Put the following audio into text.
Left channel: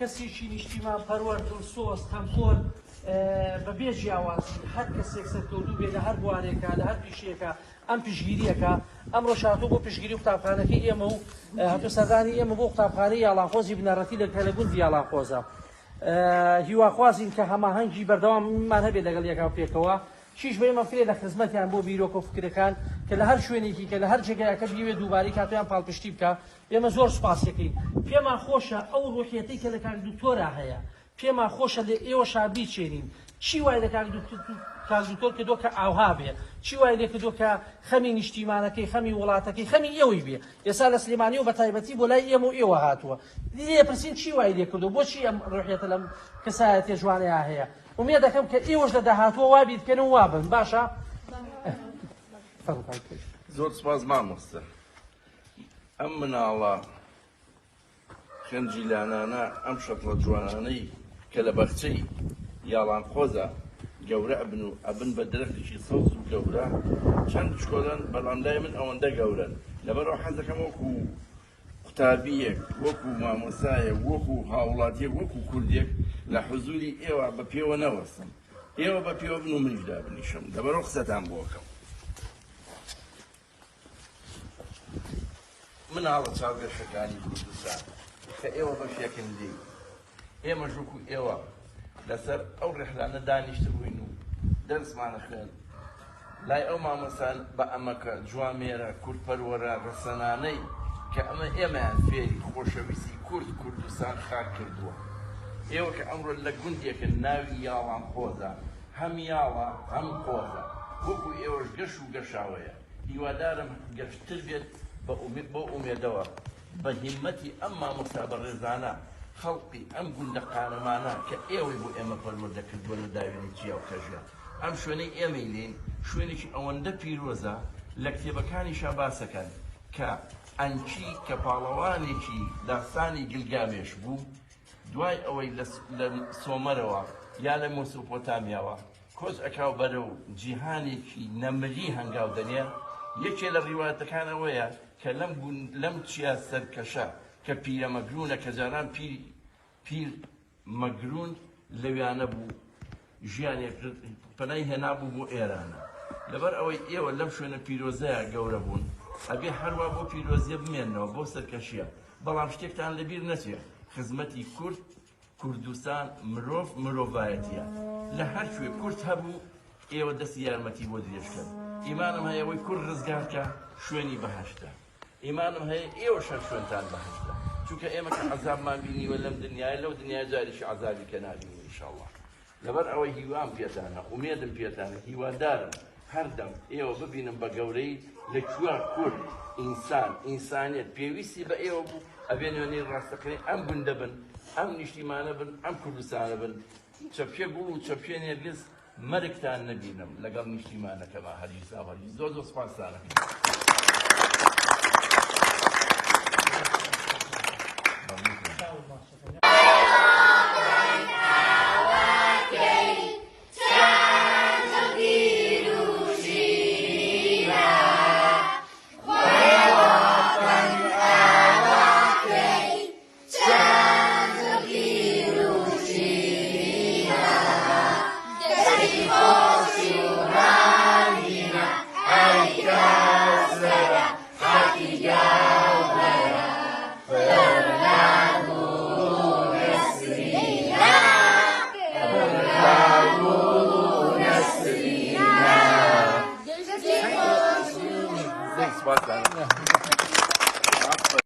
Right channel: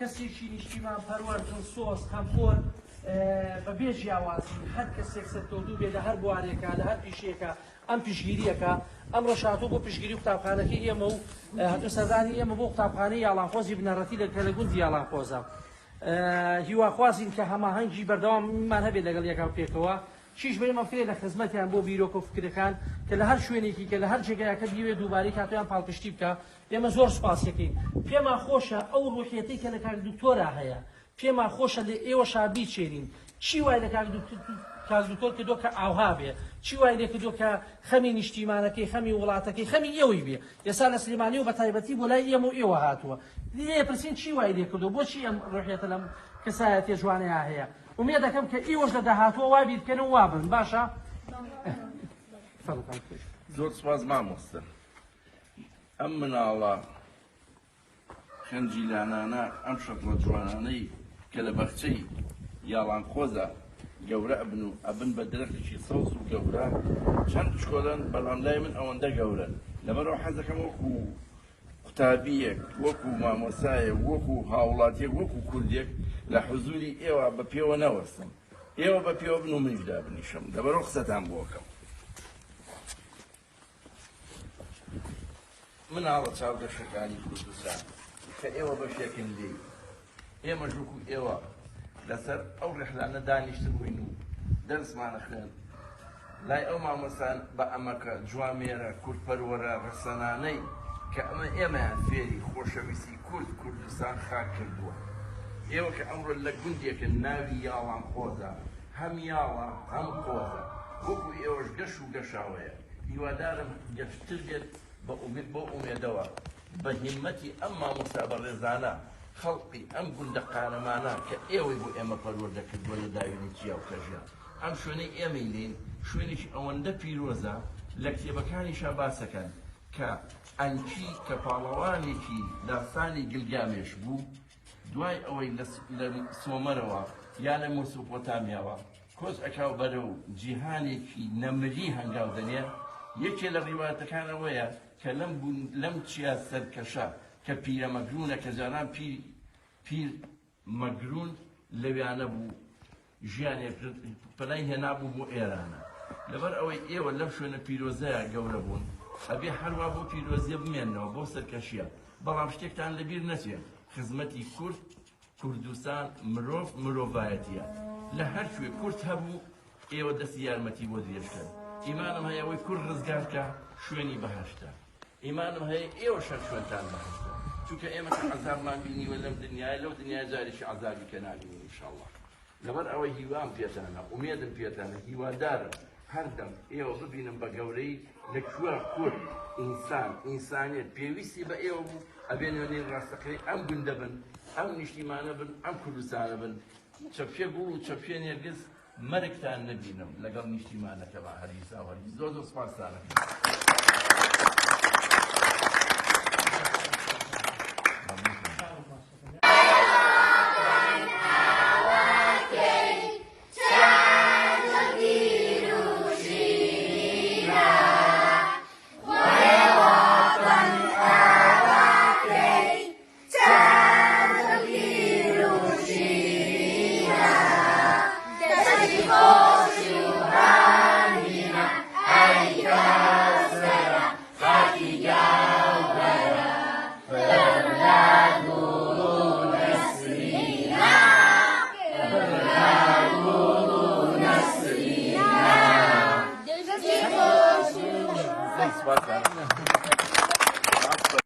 کەسێکی نیشتیمان پەروەردن سۆز کەمپۆر بەبێ جیاوازی هەر کەسێک سەرکەوتوو بێ لە هەر بوارێکە لە هەر پیشێکە ئەم پشگیریەکە ئەمڕۆ شاتوو بۆ پشگیری قوتابخانەکەی ئێمە و هەتوو سەردانی ئێمە بۆ قوتابخانەی یاڵانخۆزی بنەڕەتی لە کەلەگوندی یاڵانخۆزە هیواخوازین کە هەماهەنگی بەردەواممان هەبێت لەگەڵ یەکاو پێکەوە چیش بێمە فێ لە خزمەتیان بۆ بیرۆکە و فکرەکان کە لە هەر شوێنێکی کە لە هەر جێگایەکە بیوێ دووبارەی کاتیان پاڵپشتی بکە ئێمە زۆر سپاس دەکەین پێمان خۆشە ئەو ڕوحیەتەی کە لە کاک دکتۆرا هەیە پێمان خۆشە لە ئێوە شابی چێرین چی وای لە کاک دکتۆر کردۆ کە ئاوها بێ چی وای لێ کردۆ کە خەمی نیشتیمانەکەی خەمی وڵاتەکەی خەمی ئێوەی بێ ئێستا لە سلێمانی و بە تایبەتی بۆ لای ئێمە و ئێوە هاتووە لێ پرسین چی وای لێ کردۆ بۆچی ئەم ڕوحیەتە لەم کەسایەتێ جوانەیە هەیە ومێ دەکەم کە ئێوەش لە داهاتوە وا بیرکەن و وابن باشە زۆر سپاس مامۆستا ئەم مناڵە خەنجیلانانە ئەم شەکڵە جوانانەی کە لە بەرچەی یاڵانخۆزە گەورە ئەبن و ئەبن بە درەختێکی سەوز و گەورە چەند شکۆلن بەڵام لای من ئەوەندە گەورن لەبەرەوە حەز دەکەم وەکو قوتابیەک وەکو مامۆسایەک وەکو هاوڵاتیەک وەکو کوردێک لە حوزوری ئێوە بە پێوە نەوەستم ئێوە بە پێوە بن و منیشدا بنیشم لەبەرەوە قسەتان بۆکەم مناڵە چاوگەشتەکانی کوردستان کە ئێوە بە پێکندی ئێمە ژووک و ئێوە لەسەر ئەو ڕێحلانە دانیشتبووین و دەرسمانە خوێن لای ئەو مامۆسان بە ئەمەکە جوامێرە کورتپەروەرە ڕسەنانەی کە ئەمە ئێمەیان فێری خۆشەویستی کوردستان خاک کردووە ئێوە کە ئەمڕۆ لە گوندێکە ناوی یاڵانخۆزە هەم یاڵە هەم قۆزە وەکو ئێوەش گەشت و گەشاوەیە هیوادارم گەشتر بێت بۆ ئومێدەوە بە هیمەتی ئەم مامۆستا بە ڕێزانە خەڵقی ئەم گوندە قارەمانە کە ئێوەی بۆ ئێمە پەروەردە کردووە لە داوێنی چیا و کەژە ئەم شوێنەی ئێمەی لێن شوێنێکی ئەوەندە پیرۆزە لە کتێبەکانیشا باسەکەن کە ئەنچی کە پاڵەوانێکی داستانی گیلگامێش بوو دوای ئەوەی لە سۆمەرەوە یا لە مۆسوپۆتامیاوە کۆز ئەکاو بەرە و جیهانێکی نەمەلی هەنگاو دەنێ یەکێ لە ڕیواتەکانەوەیە کە لەم چیا سەرکەشە کە پیرە مەگرونە کە جاران پیر مەگرون لەویانە بوو ژیانێک پەنای هێنابوو بۆ ئێرانە لەبەر ئەوەی ئێوە لەم شوێنە پیرۆزەیە گەورە بوون ئەبێ هەروە بۆ پیرۆزیە بمێنەوە بۆ سەرکەشیە بەڵام شتێکتان لەبیر نەچێت خزمەتی کوردستان مرۆڤایەتیە لە هەر شوێ کورد هەبوو ئێوە دەستی یارمەتی بۆ درێژکەن ئیمانم هەیە ئەوەی کورد ڕزگارکە شوێنی بەهەشتە ئیمانم هەیە ئێوە شەر شوێنتان بەهەشتە چونکە ئێمە کە عەزابمان بینیوە لەم دنیای لەو دنیا جاریشی عەزابی کە نابینین ئینشاءڵڵا لەبەر ئەوەی هیوام پێتانە ئومێدم پێتانە هیوادارم هەردەم ئێوە ببینم بە گەورەی لەکوێ کورد ئینسانیت پێویستی بە ئێوە بوو ئەبێ نوێنەی ڕاستەقەی ئەم گوندە بن ئەم نیشتیمانە بن ئەم کوردستانە بن چەپکێ بوو و چەپکێ نێرگز مەرگتان نەبینم لەگەڵ نیشتیمانەکەما هەریساوە زۆر سپاسانە Thanks, bye.